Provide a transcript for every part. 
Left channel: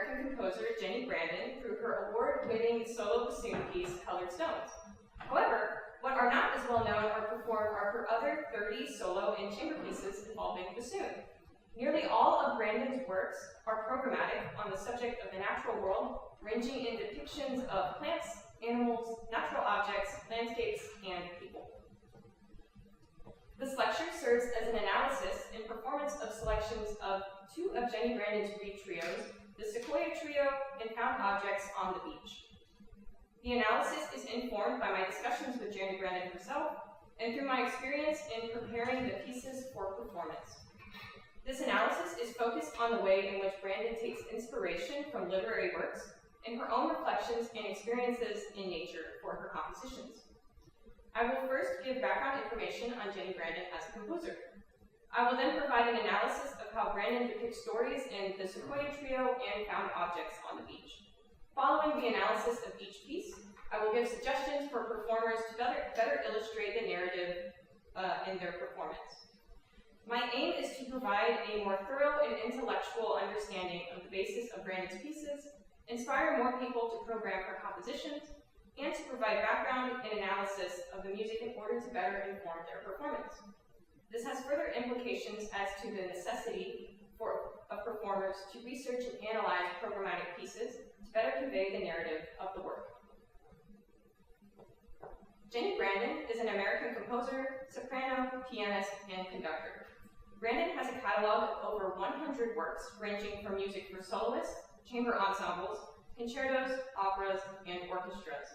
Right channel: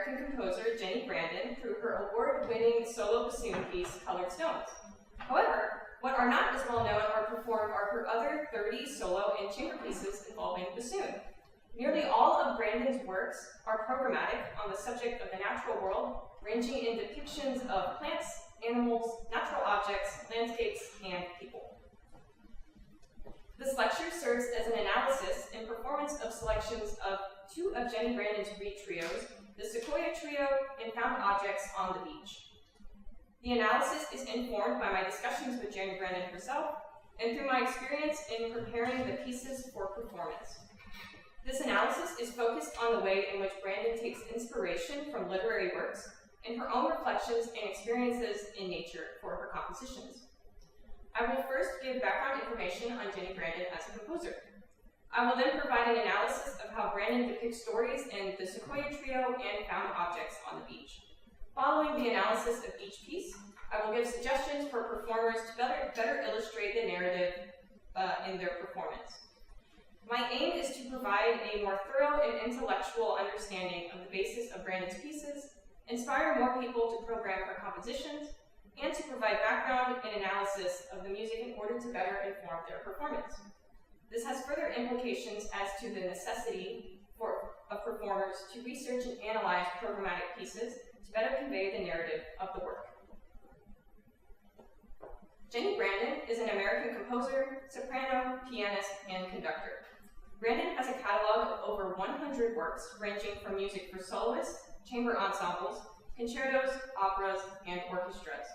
American composer Jenni through her award-winning solo bassoon piece, Colored Stones. However, what are not as well known or performed are her other 30 solo and chamber pieces involving bassoon. Nearly all of Brandon's works are programmatic on the subject of the natural world, ranging in depictions of plants, animals, natural objects, landscapes, and people. This lecture serves as an analysis and performance of selections of two of Jenni Brandon's reed trios, the Sequoia Trio and Found Objects on the Beach. The analysis is informed by my discussions with Jenni Brandon herself and through my experience in preparing the pieces for performance. This analysis is focused on the way in which Brandon takes inspiration from literary works and her own reflections and experiences in nature for her compositions. I will first give background information on Jenni Brandon as a composer. I will then provide an analysis of how Brandon depicts stories in the Sequoia Trio and Found Objects on the Beach. Following the analysis of each piece, I will give suggestions for performers to better illustrate the narrative in their performance. My aim is to provide a more thorough and intellectual understanding of the basis of Brandon's pieces, inspire more people to program her compositions, and to provide background and analysis of the music in order to better inform their performance. This has further implications as to the necessity of performers to research and analyze programmatic pieces to better convey the narrative of the work. Jenni Brandon is an American composer, soprano, pianist, and conductor. Brandon has a catalog of over 100 works ranging from music for soloists, chamber ensembles, concertos, operas, and orchestras.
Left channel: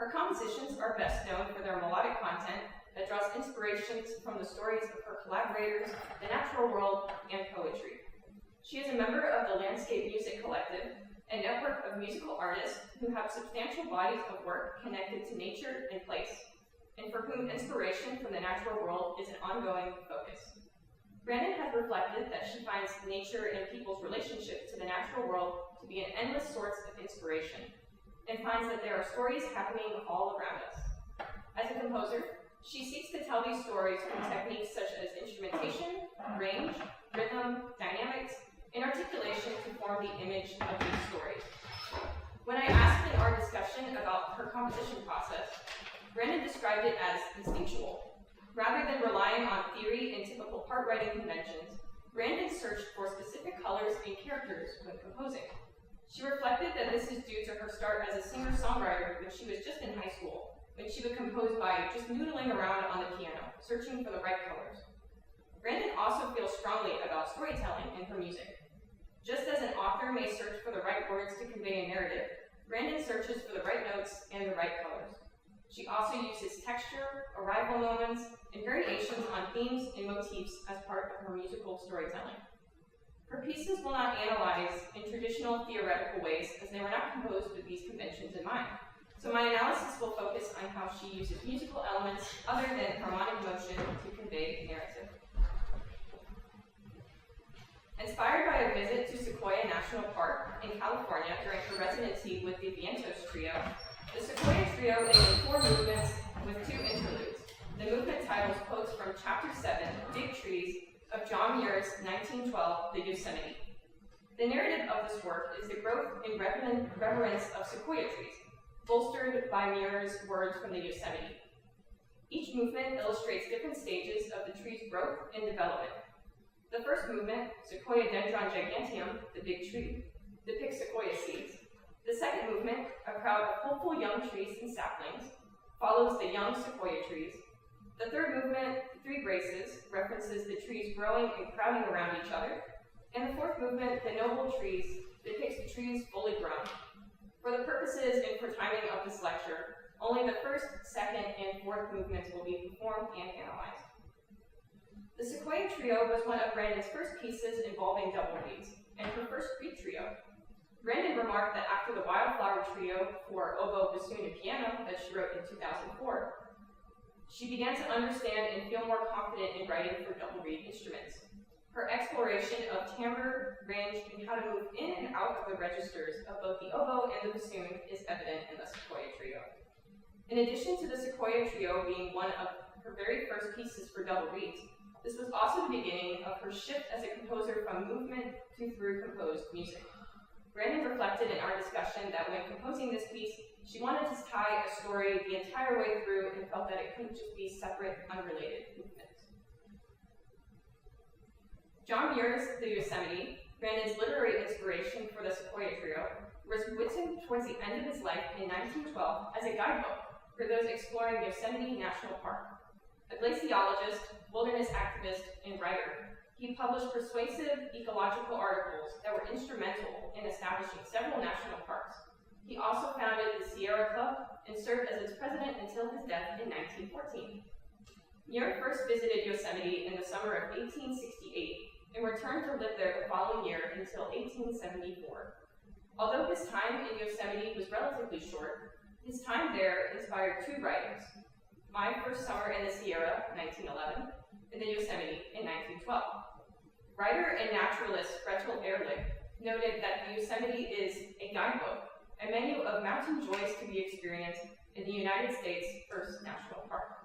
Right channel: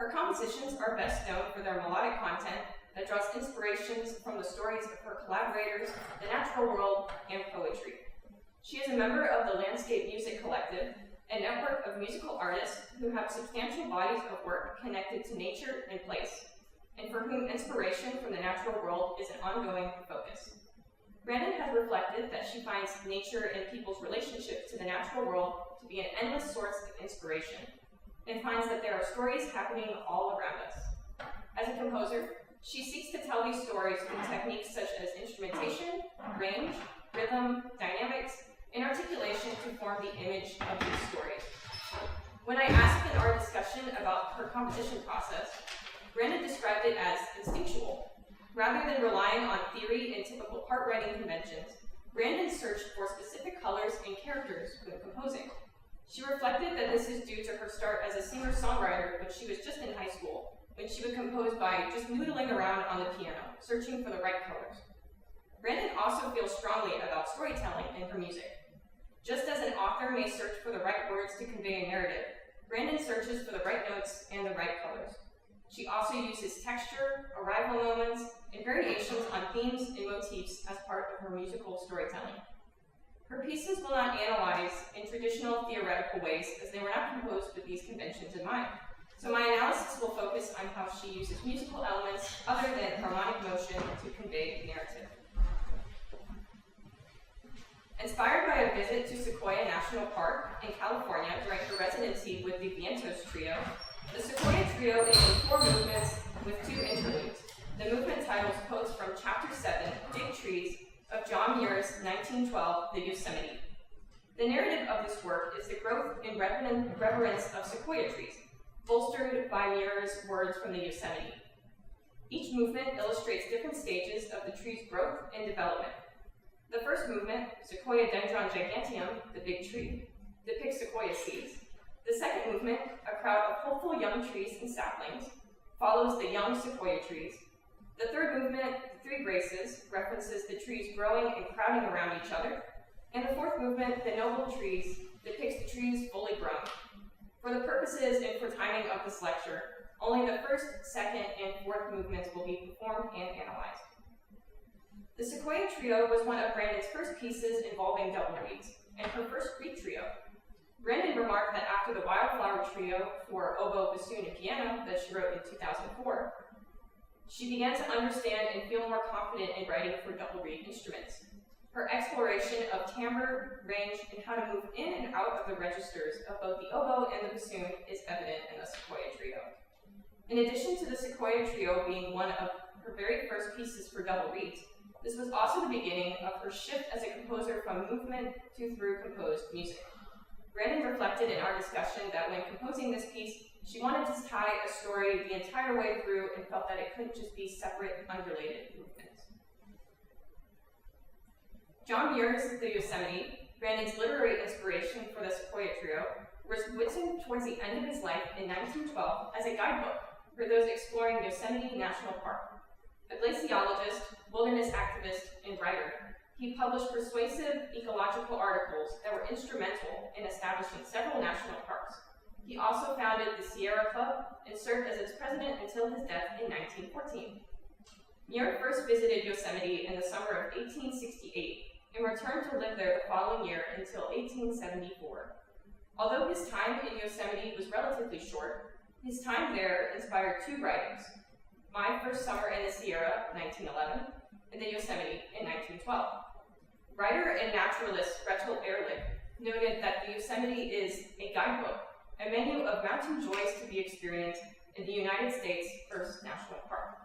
Her compositions are best known for their melodic content that draws inspirations from the stories of her collaborators, the natural world, and poetry. She is a member of the Landscape Music Collective, a network of musical artists who have substantial bodies of work connected to nature and place, and for whom inspiration from the natural world is an ongoing focus. Brandon has reflected that she finds nature and people's relationship to the natural world to be an endless source of inspiration, and finds that there are stories happening all around us. As a composer, she seeks to tell these stories through techniques such as instrumentation, range, rhythm, dynamics, and articulation to form the image of these stories. When I asked in our discussion about her composition process, Brandon described it as instinctual. Rather than relying on theory and typical part writing conventions, Brandon searched for specific colors and characters when composing. She reflected that this is due to her start as a singer-songwriter when she was just in high school, when she would compose by just noodling around on the piano, searching for the right colors. Brandon also feels strongly about storytelling in her music. Just as an author may search for the right words to convey a narrative, Brandon searches for the right notes and the right colors. She also uses texture, arrival moments, and variations on themes and motifs as part of her musical storytelling. Her pieces will not analyze in traditional theoretical ways, as they were not composed with these conventions in mind. So my analysis will focus on how she uses musical elements other than harmonic motion to convey the narrative. Inspired by a visit to Sequoia National Park in California during her residency with the Vientos Trio, the Sequoia Trio includes 4 movements with 2 interludes. The movement titles quotes from Chapter 7, Big Trees, of John Muir's 1912, The Yosemite. The narrative of this work is the growth and reverence of sequoia trees, bolstered by Muir's words from the Yosemite. Each movement illustrates different stages of the tree's growth and development. The first movement, Sequoiadendron giganteum, the big tree, depicts sequoia seeds. The second movement, a crowd of hopeful young trees and saplings, follows the young sequoia trees. The third movement, the 3 graces, references the trees growing and crowding around each other. And the fourth movement, the noble trees, depicts the trees fully grown. For the purposes and for timing of this lecture, only the first, second, and fourth movements will be performed and analyzed. The Sequoia Trio was one of Brandon's first pieces involving double reeds, and her first reed trio. Brandon remarked that after the Wildflower Trio for oboe, bassoon, and piano that she wrote in 2004, she began to understand and feel more confident in writing for double reed instruments. Her exploration of timbre, range, and how to move in and out of the registers of both the oboe and the bassoon is evident in the Sequoia Trio. In addition to the Sequoia Trio being one of her very first pieces for double reeds, this was also the beginning of her shift as a composer from movement to through composed music. Brandon reflected in our discussion that when composing this piece, she wanted to tie a story the entire way through and felt that it couldn't just be separate, unrelated movements. John Muir's The Yosemite, Brandon's literary inspiration for the Sequoia Trio, was written towards the end of his life in 1912 as a guidebook for those exploring Yosemite National Park. A glaciologist, wilderness activist, and writer, he published persuasive ecological articles that were instrumental in establishing several national parks. He also founded the Sierra Club and served as its president until his death in 1914. Muir first visited Yosemite in the summer of 1868 and returned to live there the following year until 1874. Although his time in Yosemite was relatively short, his time there inspired two writings: My First Summer in the Sierra, 1911, and The Yosemite in 1912. Writer and naturalist Recital noted that the Yosemite is a guidebook, a menu of mountain joys to be experienced in the United States' first national park.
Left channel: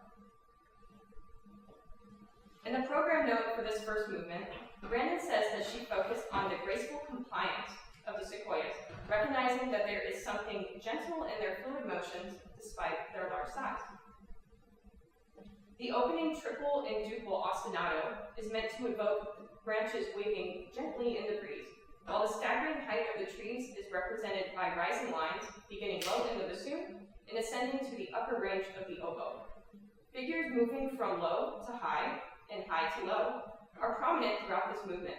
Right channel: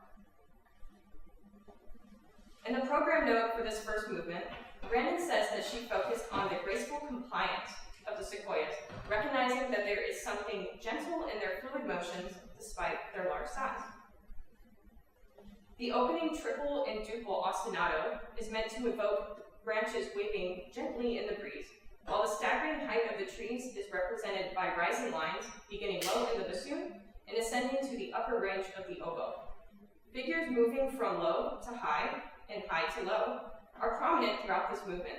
In the program note for this first movement, Brandon says that she focused on the graceful compliance of the sequoias, recognizing that there is something gentle in their fluid motions despite their large size. The opening triple and duple ostinato is meant to evoke branches waving gently in the breeze, while the staggering height of the trees is represented by rising lines beginning low in the bassoon and ascending to the upper range of the oboe. Figures moving from low to high and high to low are prominent throughout this movement.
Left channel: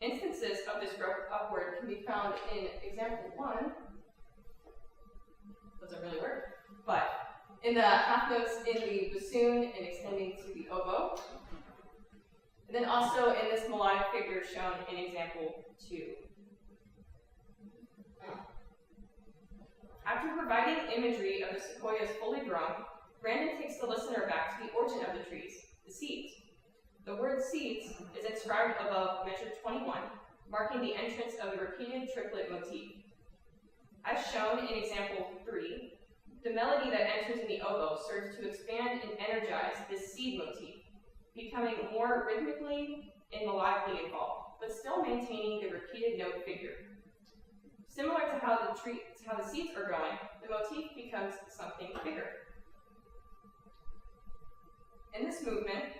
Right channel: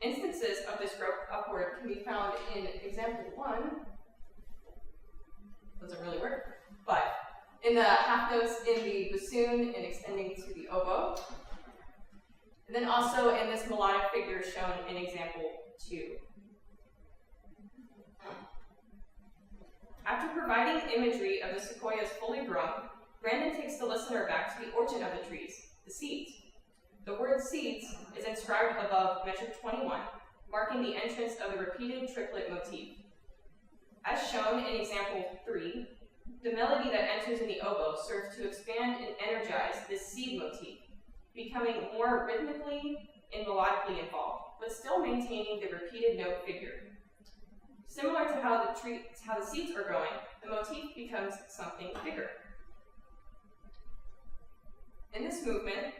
Instances of this growth upward can be found in example 1. Doesn't really work, but in the half notes in the bassoon and extending to the oboe. And then also in this melodic figure shown in example 2. After providing imagery of the sequoias fully grown, Brandon takes the listener back to the origin of the trees, the seeds. The word seeds is inscribed above measure 21, marking the entrance of the repeated triplet motif. As shown in example 3, the melody that enters in the oboe serves to expand and energize this seed motif, becoming more rhythmically and melodically involved, but still maintaining the repeated note figure. Similar to how the seeds are growing, the motif becomes something bigger. In this movement,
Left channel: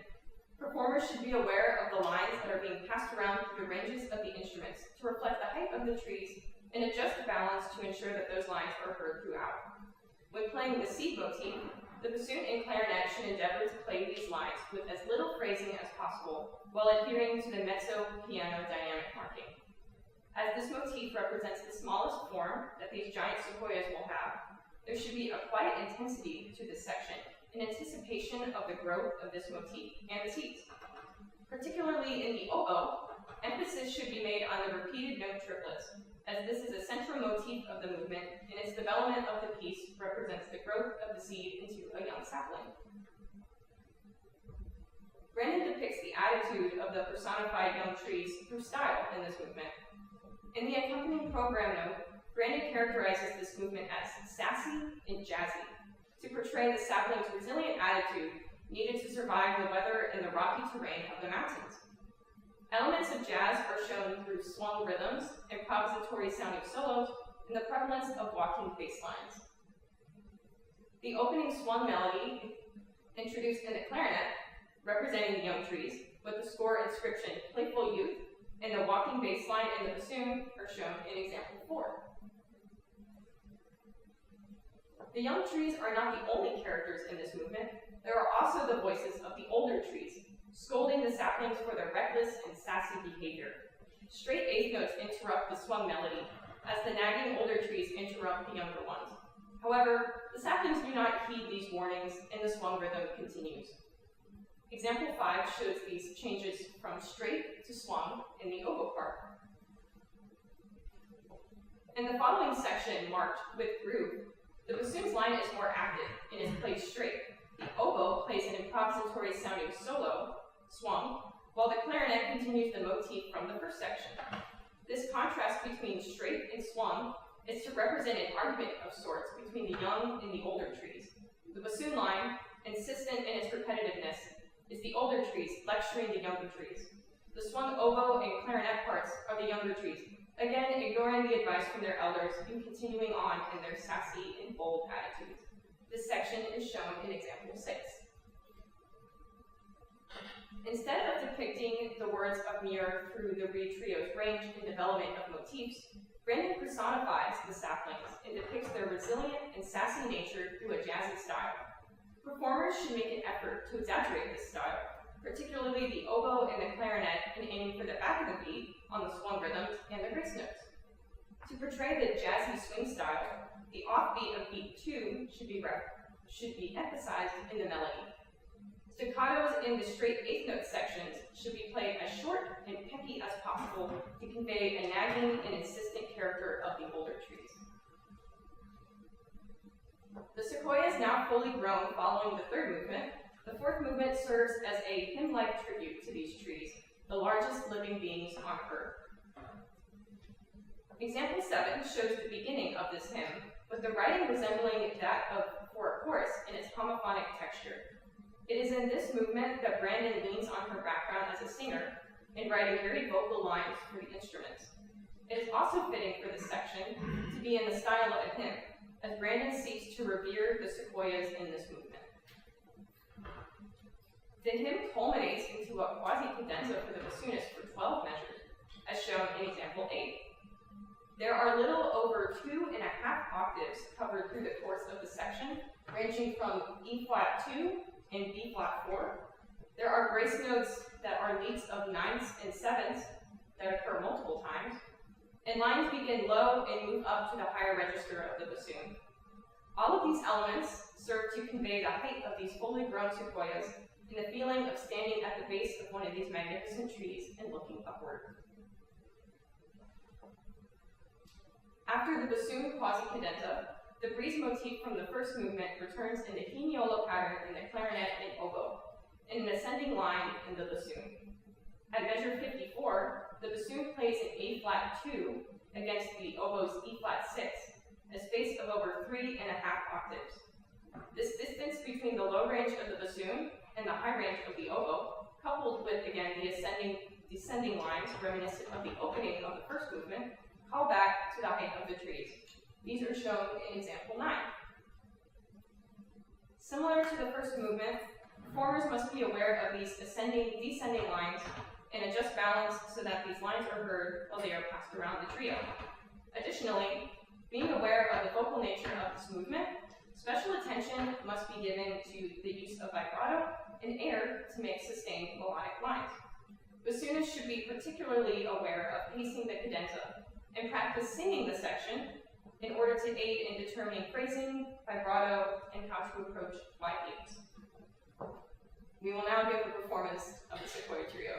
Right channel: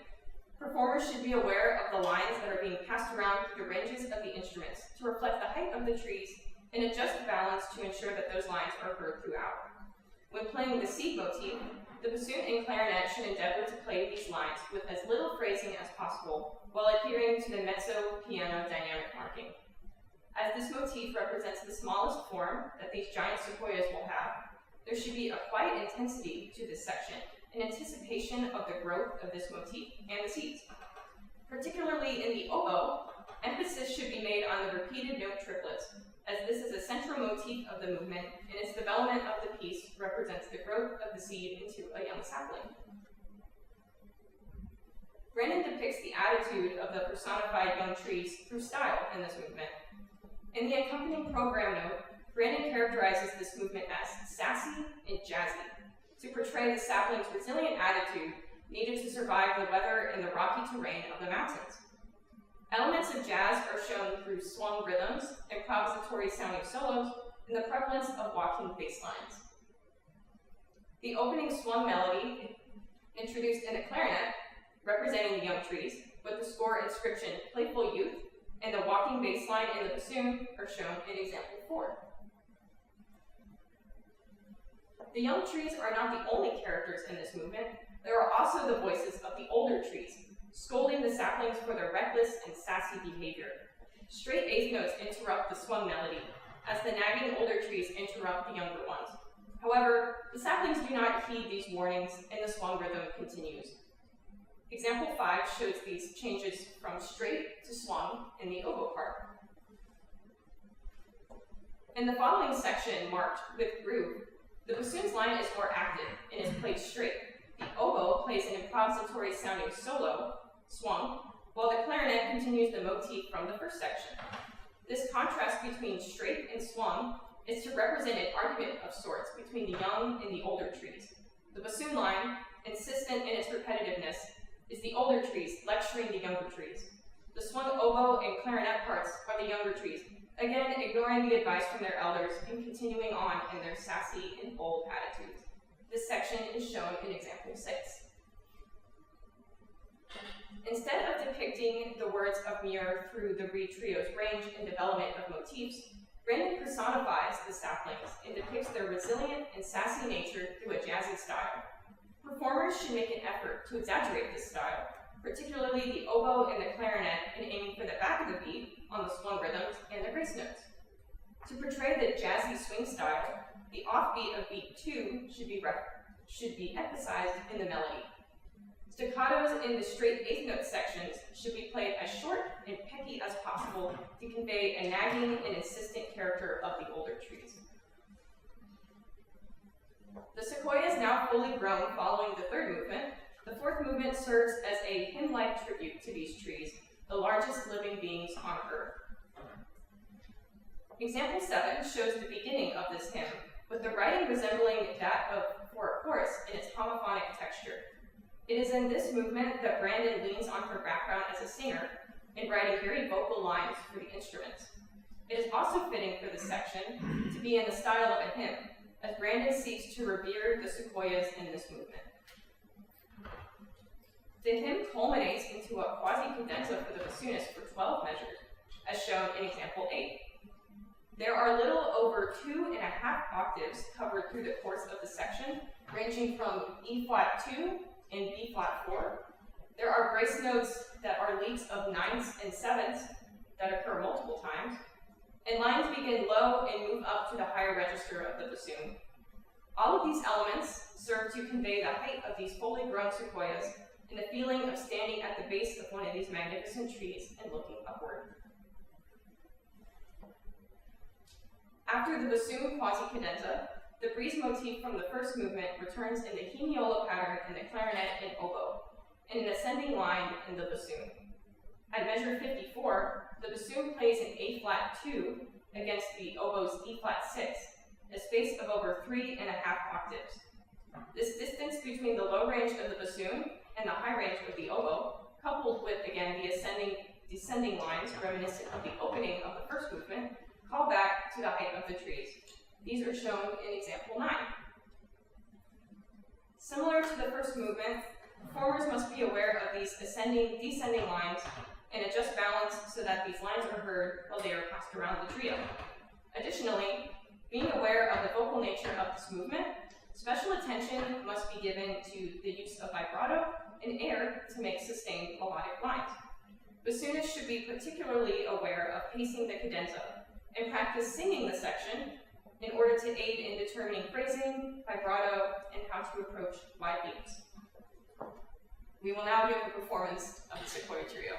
performers should be aware of the lines that are being passed around through the ranges of the instruments to reflect the height of the trees and adjust balance to ensure that those lines are heard throughout. When playing the seed motif, the bassoon and clarinet should endeavor to play these lines with as little phrasing as possible while adhering to the mezzo-piano dynamic marking. As this motif represents the smallest form that these giant sequoias will have, there should be a quiet intensity to this section in anticipation of the growth of this motif and the seeds. Particularly in the oboe, emphasis should be made on the repeated note triplets, as this is a central motif of the movement, and its development of the piece represents the growth of the seed into a young sapling. Brandon depicts the attitude of the personified young trees through style in this movement. In the accompanying program note, Brandon characterizes this movement as sassy and jazzy, to portray the sapling's resilient attitude needed to survive the weather and the rocky terrain of the mountains. Elements of jazz are shown through swung rhythms, improvisatory sounding solos, and the prevalence of walking bass lines. The opening swung melody, introduced in the clarinet, representing the young trees, with the score inscription Playful Youth, and the walking bass line in the bassoon are shown in example 4. The young trees are not the only characters in this movement. There are also the voices of the older trees, scolding the saplings for their reckless and sassy behavior. Straight eighth notes interrupt the swung melody, as the nagging older trees interrupt the younger ones. However, the saplings do not heed these warnings, and the swung rhythm continues. Example 5 shows these changes from straight to swung in the oboe part. In the following section marked with groove, the bassoon's line is more active and is played straight. The oboe plays an improvisatory sounding solo, swung, while the clarinet continues the motif from the first section. This contrast between straight and swung is to represent an argument of sorts between the young and the older trees. The bassoon line, insistent in its repetitiveness, is the older trees lecturing the younger trees. The swung oboe and clarinet parts are the younger trees, again ignoring the advice from their elders and continuing on in their sassy and bold attitudes. This section is shown in example 6. Instead of depicting the words of Muir through the Reed Trio's range and development of motifs, Brandon personifies the saplings and depicts their resilient and sassy nature through a jazzy style. Performers should make an effort to exaggerate this style, particularly the oboe and the clarinet, in aiming for the back of the beat on the swung rhythms and the grace notes. To portray the jazzy swing style, the offbeat of beat 2 should be emphasized in the melody. Staccatos in the straight eighth note sections should be played as short and pecky as possible to convey a nagging and insistent character of the older trees. The sequoia is now fully grown following the third movement. The fourth movement serves as a hymn-like tribute to these trees, the largest living beings on Earth. Example 7 shows the beginning of this hymn, with the writing resembling that of for a chorus in its homophonic texture. It is in this movement that Brandon leans on her background as a singer in writing very vocal lines for the instruments. It is also fitting for this section to be in the style of a hymn, as Brandon seeks to revere the sequoias in this movement. The hymn culminates into a quasi-cadenza for the bassoonist for 12 measures, as shown in example 8. There are a little over 2.5 octaves covered through the course of the section, ranging from E flat 2 and B flat 4. There are grace notes that are leads of 9ths and 7ths that occur multiple times, and lines begin low and move up to the higher register of the bassoon. All of these elements serve to convey the height of these fully grown sequoias and the feeling of standing at the base of one of these magnificent trees and looking upward. After the bassoon quasi-cadenza, the breeze motif from the first movement returns in the Quiniola pattern in the clarinet and oboe, and an ascending line in the bassoon. At measure 54, the bassoon plays an A flat 2 against the oboe's E flat 6, a space of over 3.5 octaves. This distance between the low range of the bassoon and the high range of the oboe, coupled with, again, the descending lines reminiscent of the opening of the first movement, call back to the height of the trees. These are shown in example 9. Similar to the first movement, performers must be aware of these descending lines and adjust balance so that these lines are heard while they are passed around the trio. Additionally, being aware of the vocal nature of this movement, special attention must be given to the use of vibrato and air to make sustained melodic lines. Bassoonists should be particularly aware of pacing the cadenza and practice singing the section in order to aid in determining phrasing, vibrato, and how to approach wide beats. We will now give a performance of the Sequoia Trio.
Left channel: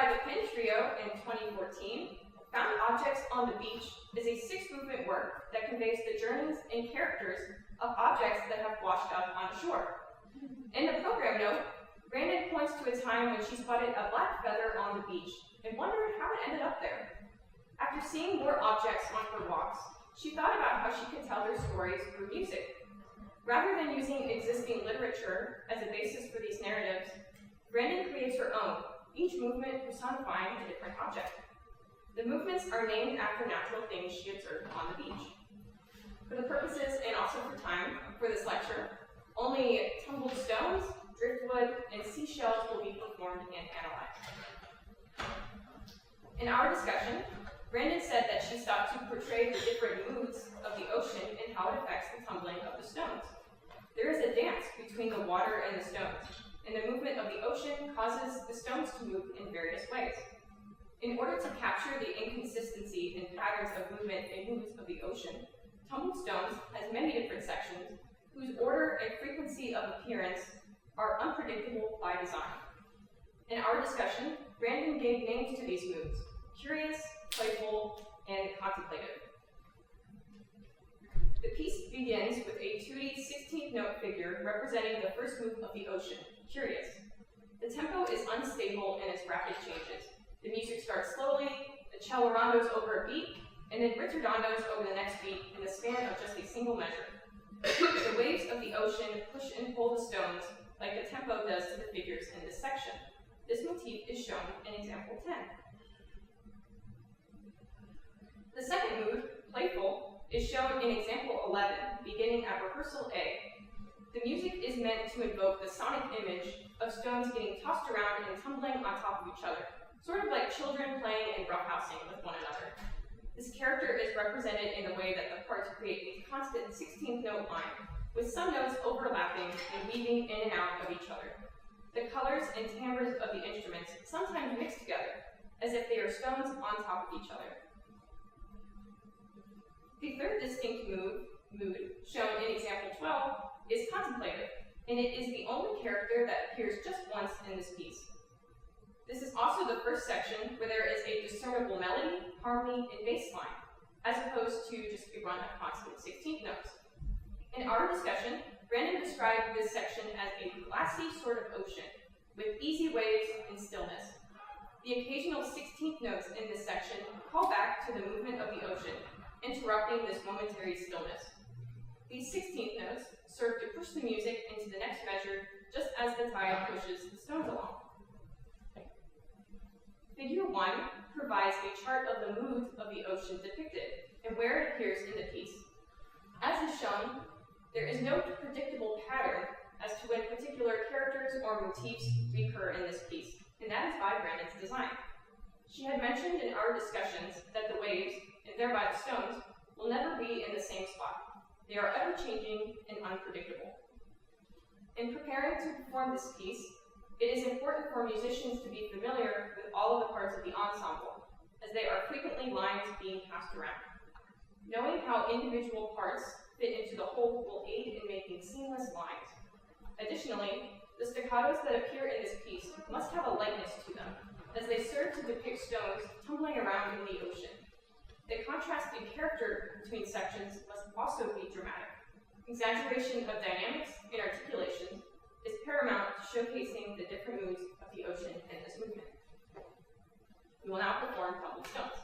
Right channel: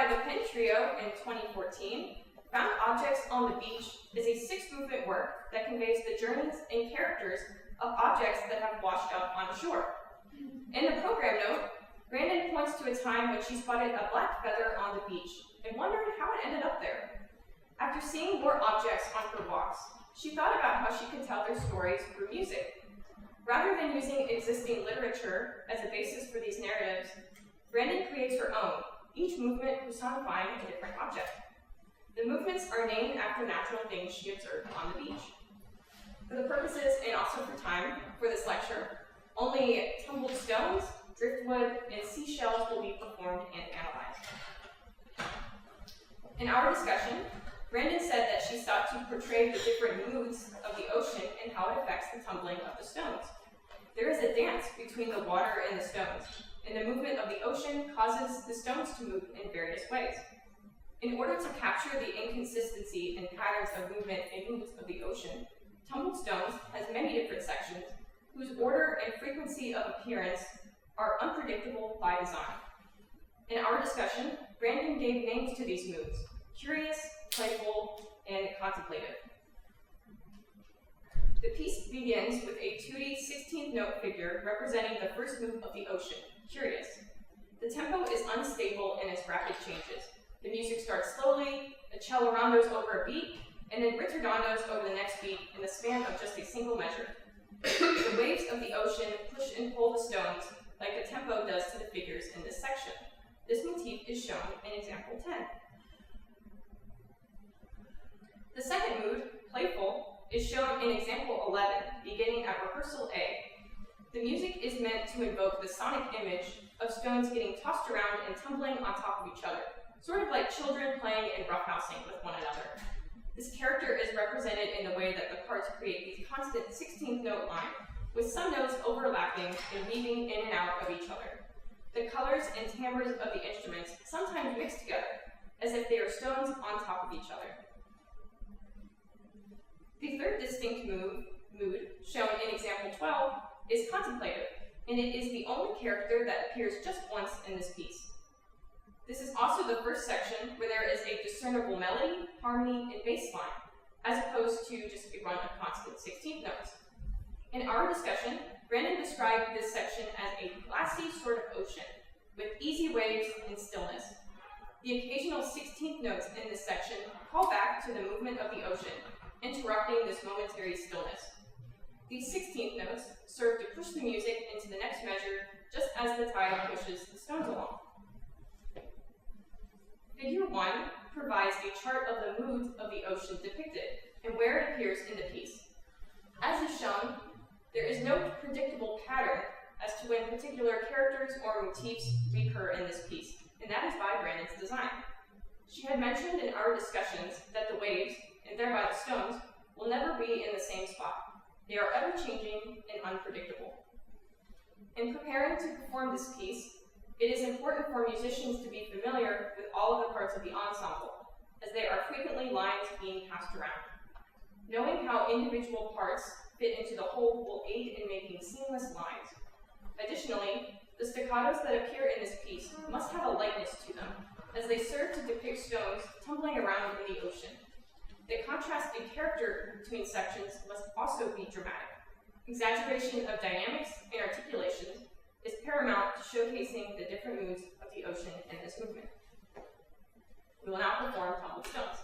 by the Pen Trio in 2014, Found Objects on the Beach is a 6-movement work that conveys the journeys and characters of objects that have washed up on shore. In the program note, Brandon points to a time when she spotted a black feather on the beach and wondered how it ended up there. After seeing more objects on her walks, she thought about how she could tell their stories through music. Rather than using existing literature as a basis for these narratives, Brandon creates her own, each movement personifying a different object. The movements are named after natural things she observed on the beach. For the purposes and also for time for this lecture, only Tumbled Stones, Driftwood, and Seashells will be performed and analyzed. In our discussion, Brandon said that she sought to portray the different moods of the ocean and how it affects the tumbling of the stones. There is a dance between the water and the stones, and the movement of the ocean causes the stones to move in various ways. In order to capture the inconsistency and patterns of movement and moods of the ocean, Tumbled Stones has many different sections whose order and frequency of appearance are unpredictable by design. In our discussion, Brandon gave names to these moods: curious, playful, and contemplative. The piece begins with a 2D 16th note figure representing the first move of the ocean, curious. The tempo is unstable and has rapid changes. The music starts slowly, a cello rondos over a beat, and then ritardondos over the next beat in the span of just a single measure. The waves of the ocean push and pull the stones like the tempo does to the figures in this section. This motif is shown in example 10. The second mood, playful, is shown in example 11, beginning at rehearsal A. The music is meant to invoke the sonic image of stones getting tossed around and tumbling on top of each other, sort of like children playing and roughhousing with one another. This character is represented in the way that the parts create a constant 16th note line, with some notes overlapping and weaving in and out of each other. The colors and timbres of the instruments sometimes mix together, as if they are stones on top of each other. The third distinct mood, shown in example 12, is contemplative, and it is the only character that appears just once in this piece. This is also the first section where there is a discernible melody, harmony, and bass line, as opposed to just a run of constant 16th notes. In our discussion, Brandon described this section as a glassy sort of ocean, with easy waves and stillness. The occasional 16th notes in this section call back to the movement of the ocean, interrupting this momentary stillness. These 16th notes serve to push the music into the next measure, just as the tide pushes the stones along. Figure 1 provides a chart of the moods of the ocean depicted and where it appears in the piece. As is shown, there is no predictable pattern as to when particular characters or motifs recur in this piece, and that is by Brandon's design. She had mentioned in our discussions that the waves, and thereby the stones, will never be in the same spot. They are ever-changing and unpredictable. In preparing to perform this piece, it is important for musicians to be familiar with all of the parts of the ensemble, as they are frequently lines being passed around. Knowing how individual parts fit into the whole will aid in making seamless lines. Additionally, the staccatos that appear in this piece must have a lightness to them, as they serve to depict stones tumbling around in the ocean. The contrast in character between sections must also be dramatic. Exaggeration of dynamics and articulations is paramount to showcasing the different moods of the ocean in this movement. We will now perform Tumbled Stones.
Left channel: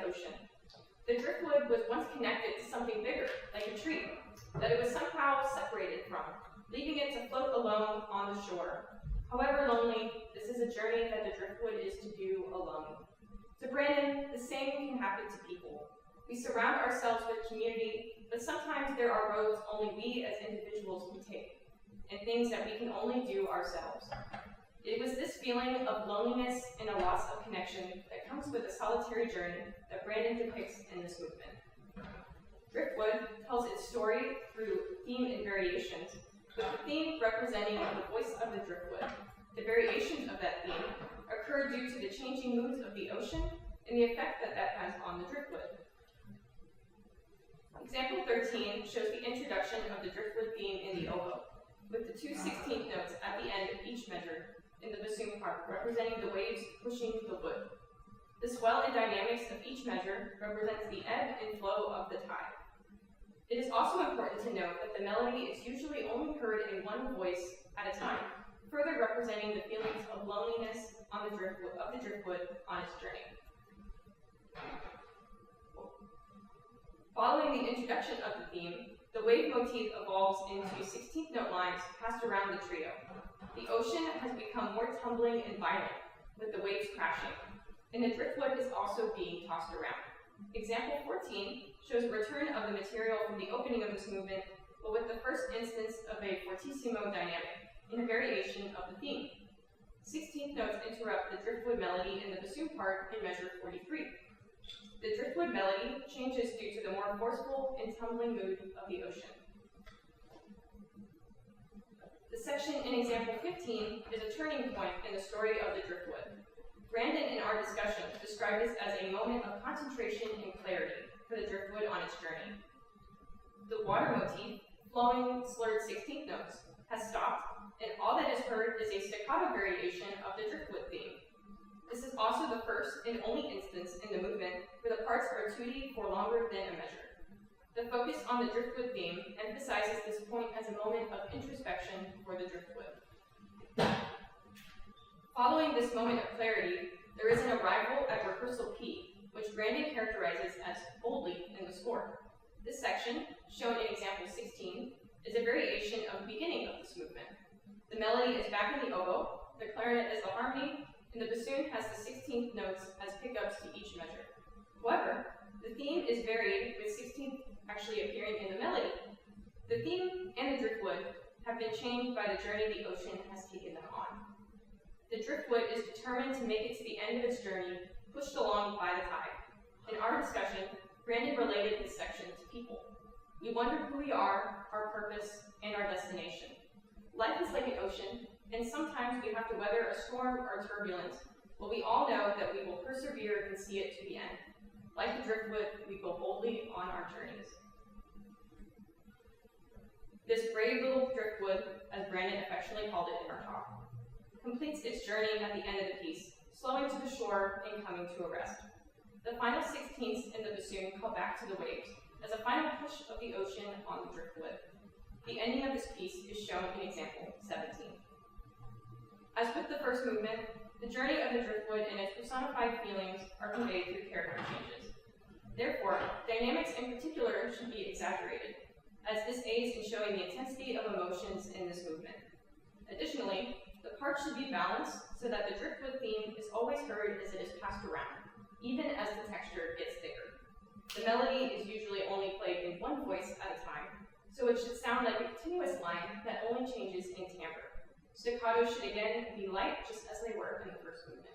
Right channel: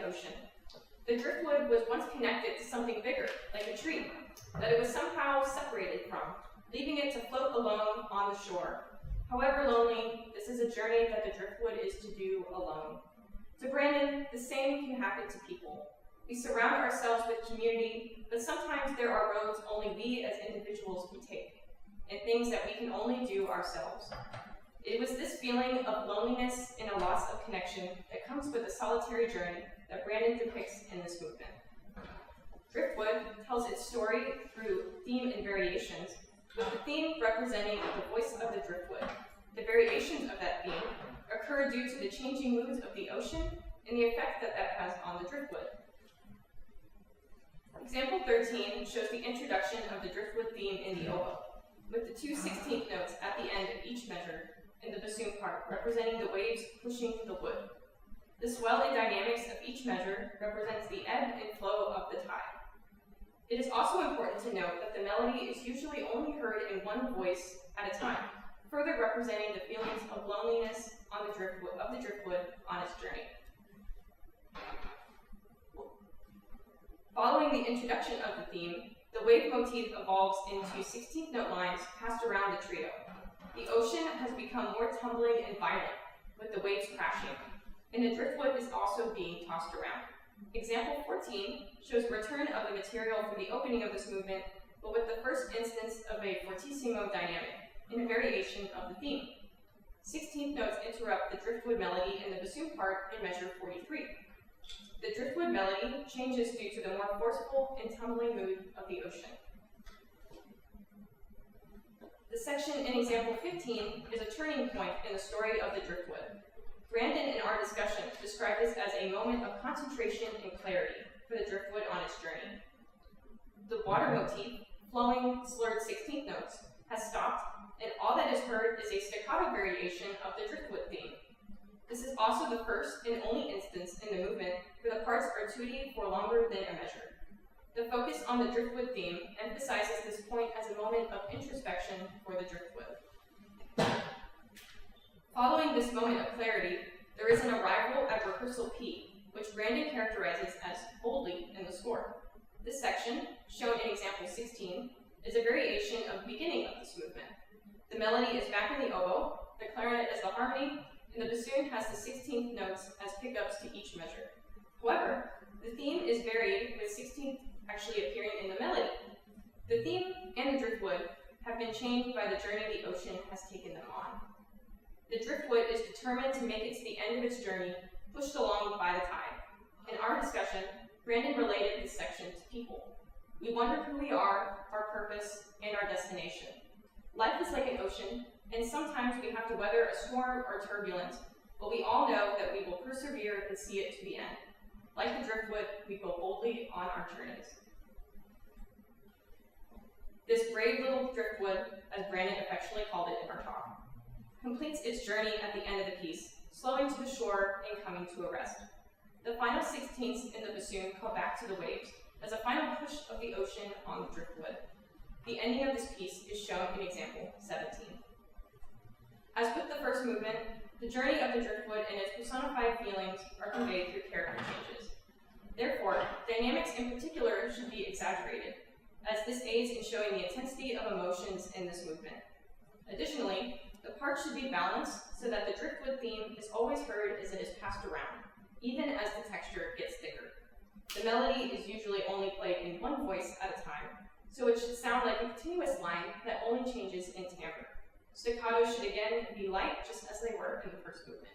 the ocean. The driftwood was once connected to something bigger, like a tree, that it was somehow separated from, leaving it to float alone on the shore. However lonely, this is a journey that the driftwood is to do alone. To Brandon, the same can happen to people. We surround ourselves with community, but sometimes there are roads only we as individuals can take, and things that we can only do ourselves. It was this feeling of loneliness and a loss of connection that comes with a solitary journey that Brandon depicts in this movement. Driftwood tells its story through theme and variations, with the theme representing the voice of the driftwood. The variations of that theme occur due to the changing moods of the ocean and the effect that that has on the driftwood. Example 13 shows the introduction of the driftwood theme in the oboe, with the 2 16th notes at the end of each measure in the bassoon part, representing the waves pushing the wood. The swell and dynamics of each measure represents the ebb and flow of the tide. It is also important to note that the melody is usually only heard in one voice at a time, further representing the feelings of loneliness on the driftwood on its journey. Following the introduction of the theme, the wave motif evolves into 16th note lines passed around the trio. The ocean has become more tumbling and violent, with the waves crashing, and the driftwood is also being tossed around. Example 14 shows a return of the material from the opening of this movement, but with the first instance of a fortissimo dynamic, in a variation of the theme. 16th notes interrupt the driftwood melody in the bassoon part in measure 43. The driftwood melody changes due to the more forceful and tumbling mood of the ocean. The section in example 15 is a turning point in the story of the driftwood. Brandon, in our discussion, described this as a moment of concentration and clarity for the driftwood on its journey. The water motif, flowing slurred 16th notes, has stopped, and all that is heard is a staccato variation of the driftwood theme. This is also the first and only instance in the movement where the parts are tutti for longer than a measure. The focus on the driftwood theme emphasizes this point as a moment of introspection for the driftwood. Following this moment of clarity, there is an arrival at rehearsal P, which Brandon characterizes as boldly in the score. This section, shown in example 16, is a variation of the beginning of this movement. The melody is back in the oboe, the clarinet is the harmony, and the bassoon has the 16th notes as pickups to each measure. However, the theme is varied with 16th actually appearing in the melody. The theme and the driftwood have been changed by the journey the ocean has taken them on. The driftwood is determined to make it to the end of its journey, pushed along by the tide. In our discussion, Brandon related this section to people. We wonder who we are, our purpose, and our destination. Life is like an ocean, and sometimes we have to weather a storm or turbulence, but we all know that we will persevere and see it to the end. Like the driftwood, we go boldly on our journeys. This brave little driftwood, as Brandon affectionately called it in our talk, completes its journey at the end of the piece, slowing to the shore and coming to a rest. The final 16ths in the bassoon call back to the waves, as a final push of the ocean on the driftwood. The ending of this piece is shown in example 17. As with the first movement, the journey of the driftwood and its personified feelings are conveyed through character changes. Therefore, dynamics in particular should be exaggerated, as this aids in showing the intensity of emotions in this movement. Additionally, the parts should be balanced so that the driftwood theme is always heard as it is passed around, even as the texture gets thicker. The melody is usually only played in one voice at a time, so it should sound like a continuous line that only changes in timbre. Staccato should again be light, just as they were in the first movement.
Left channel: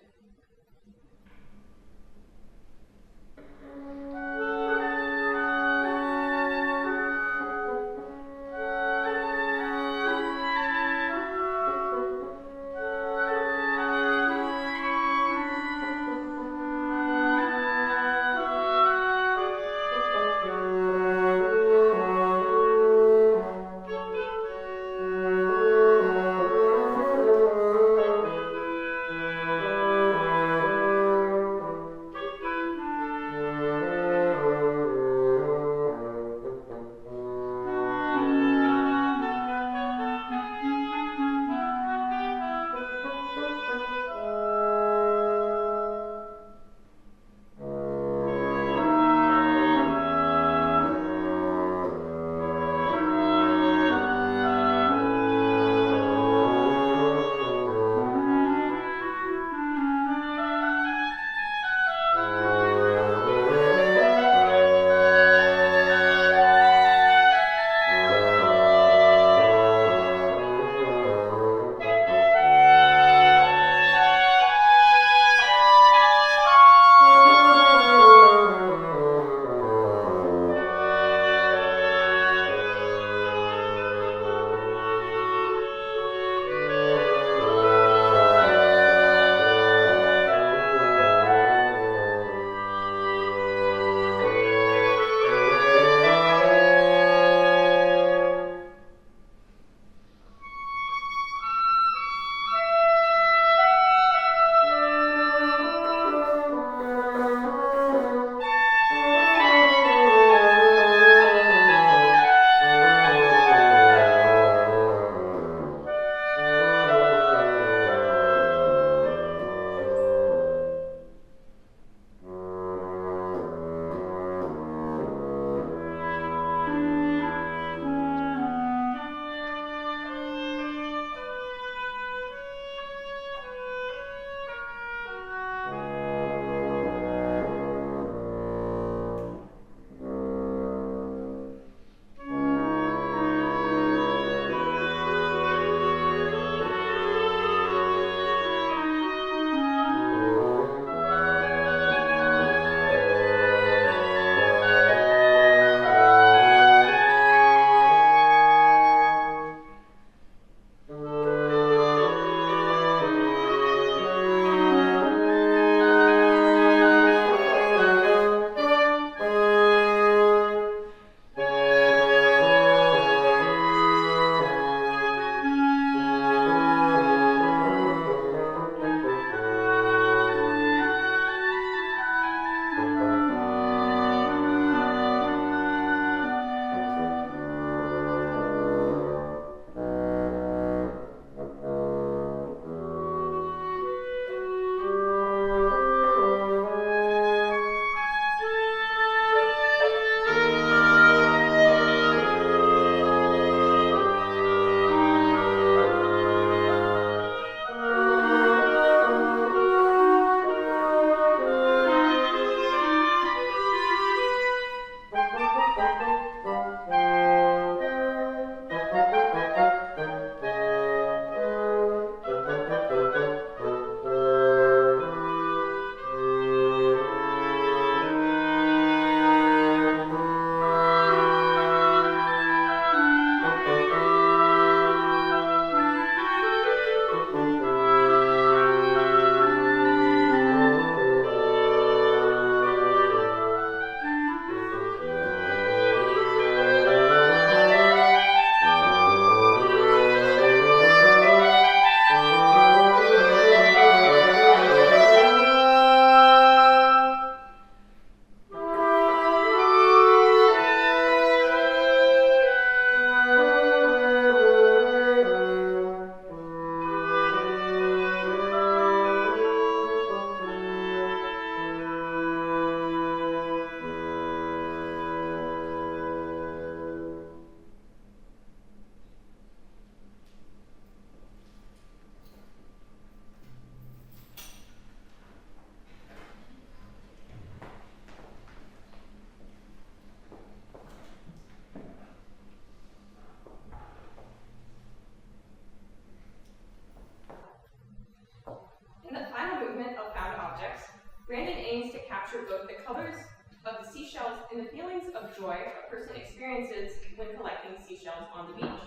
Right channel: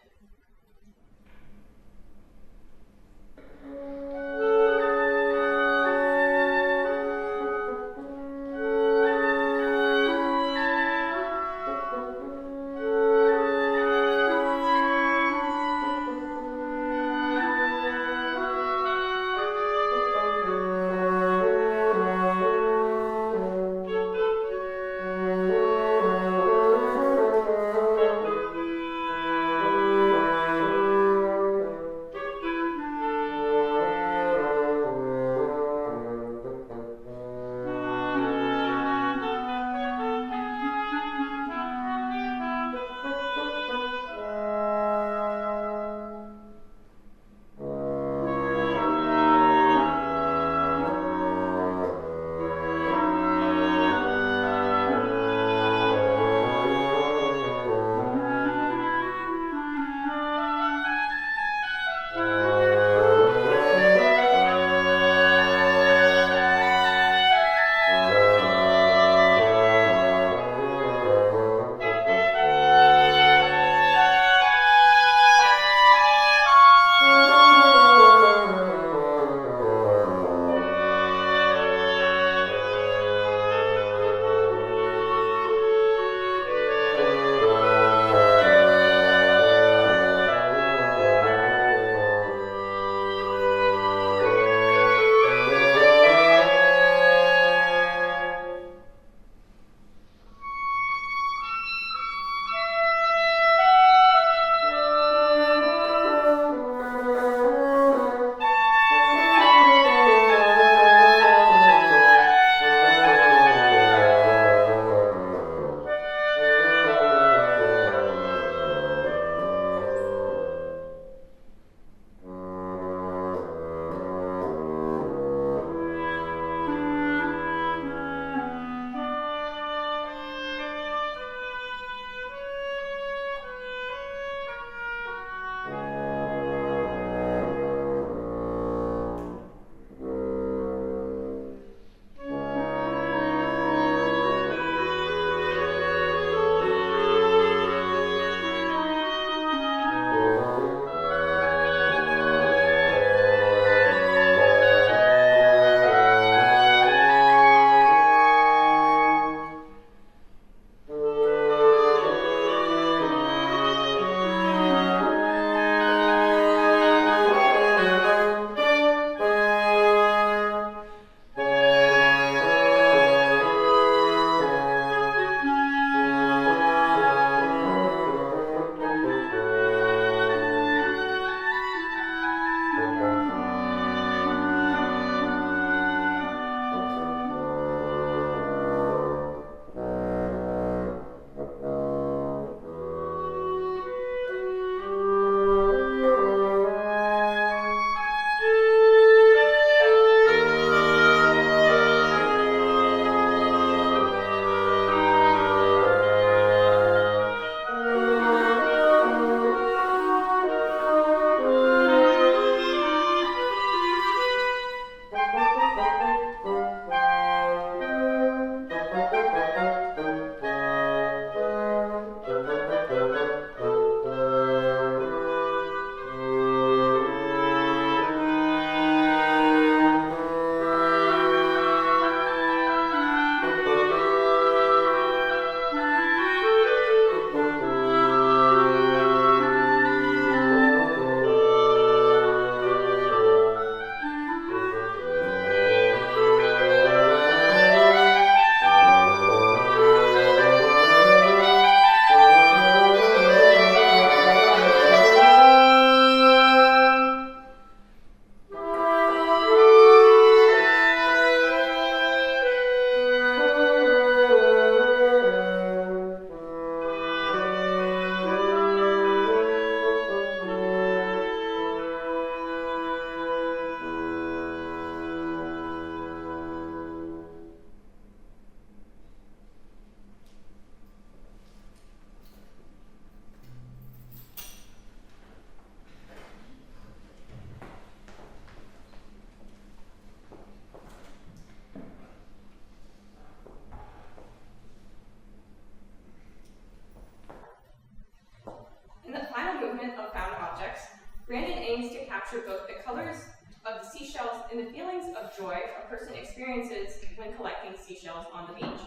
when collecting seashells on the beach.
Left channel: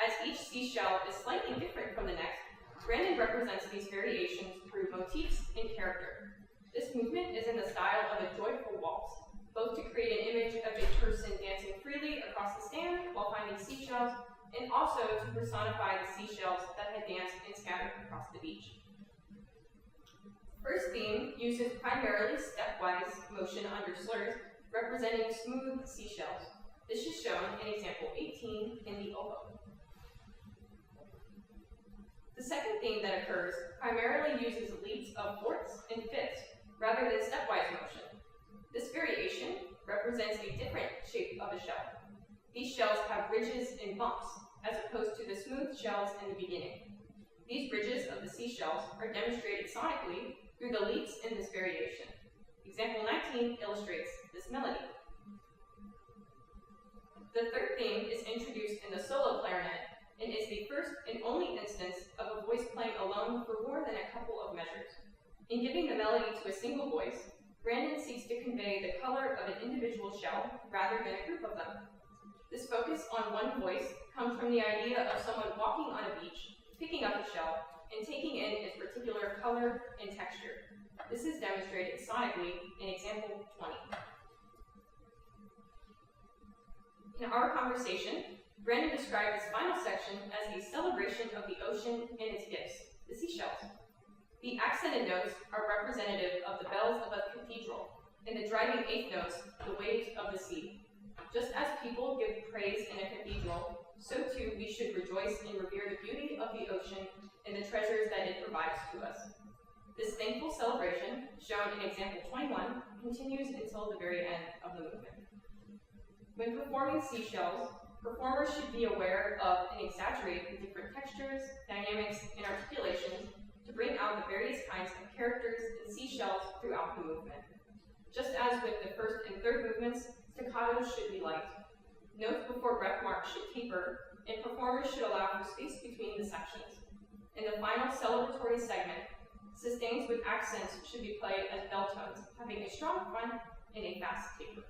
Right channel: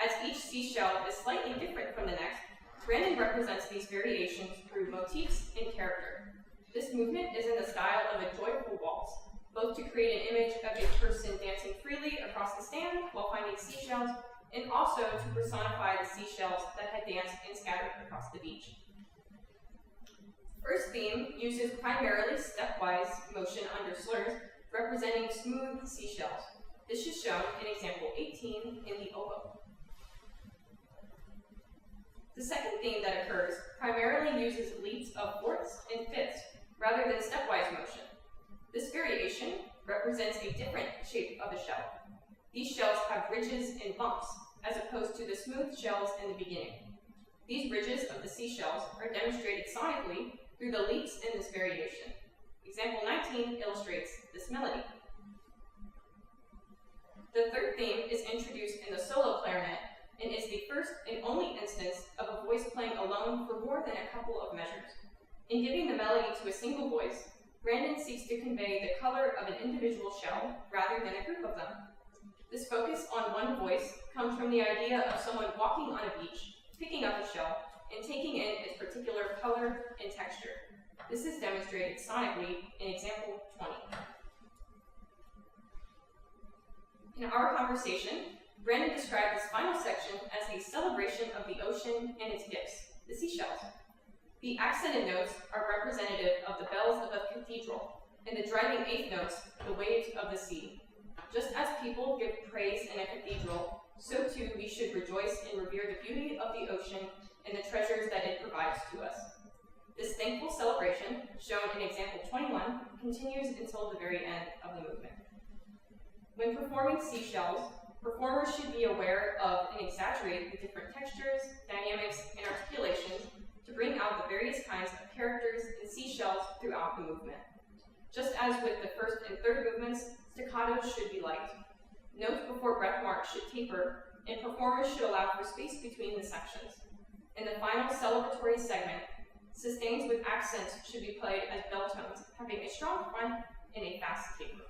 As each seashell is slightly different from the next, Brandon represents these variations through motifs and character. This movement is in the style of a joyful waltz, both to create an image of a person dancing freely across the sand while finding seashells, and also to personify the seashells that had danced and scattered across the beach. First theme uses primarily stepwise motion under slurs, representing smooth seashells. This is shown in example 18 in the oboe. The second theme that occurs primarily uses leaps of fourths and fifths rather than stepwise motion. This variation represents a different shape of a shell. These shells have ridges and bumps, as opposed to the smooth shells in the beginning. These ridges of the seashells are demonstrated sonically through the leaps in this variation. Example 19 illustrates this melody. The third theme is introduced in the solo clarinet and is the first and only instance of a voice playing alone for more than a couple of measures. In giving the melody to a single voice, Brandon seeks to convey the color of an individual shell rather than a group of them. This focus on one voice comes from the idea of someone walking on a beach, picking up a shell, and taking in its particular color and texture. This is demonstrated sonically in example 20. In our conversation, Brandon described this final section as a celebration of the ocean and its gifts, the seashells. The accented notes are representative of the bells of a cathedral, and the driving eighth notes, the waves of the sea. Just as people give praise in a cathedral, so too we should rejoice and revere the beauty of the ocean and the treasures that it provides to us. This thankful celebration, shown in example 21, continues until the very end of the movement. When performing seashells, performers should be aware of and exaggerate the different textures, dynamics, and articulations to bring out the various kinds of characters and seashells throughout the movement. Just as with the first and third movements, staccatos should be light. Notes before breath marks should taper, and performers should allow for space between the sections. In the final celebratory segment, sustains with accents should be played as bell tones, having a strong front and a fast taper.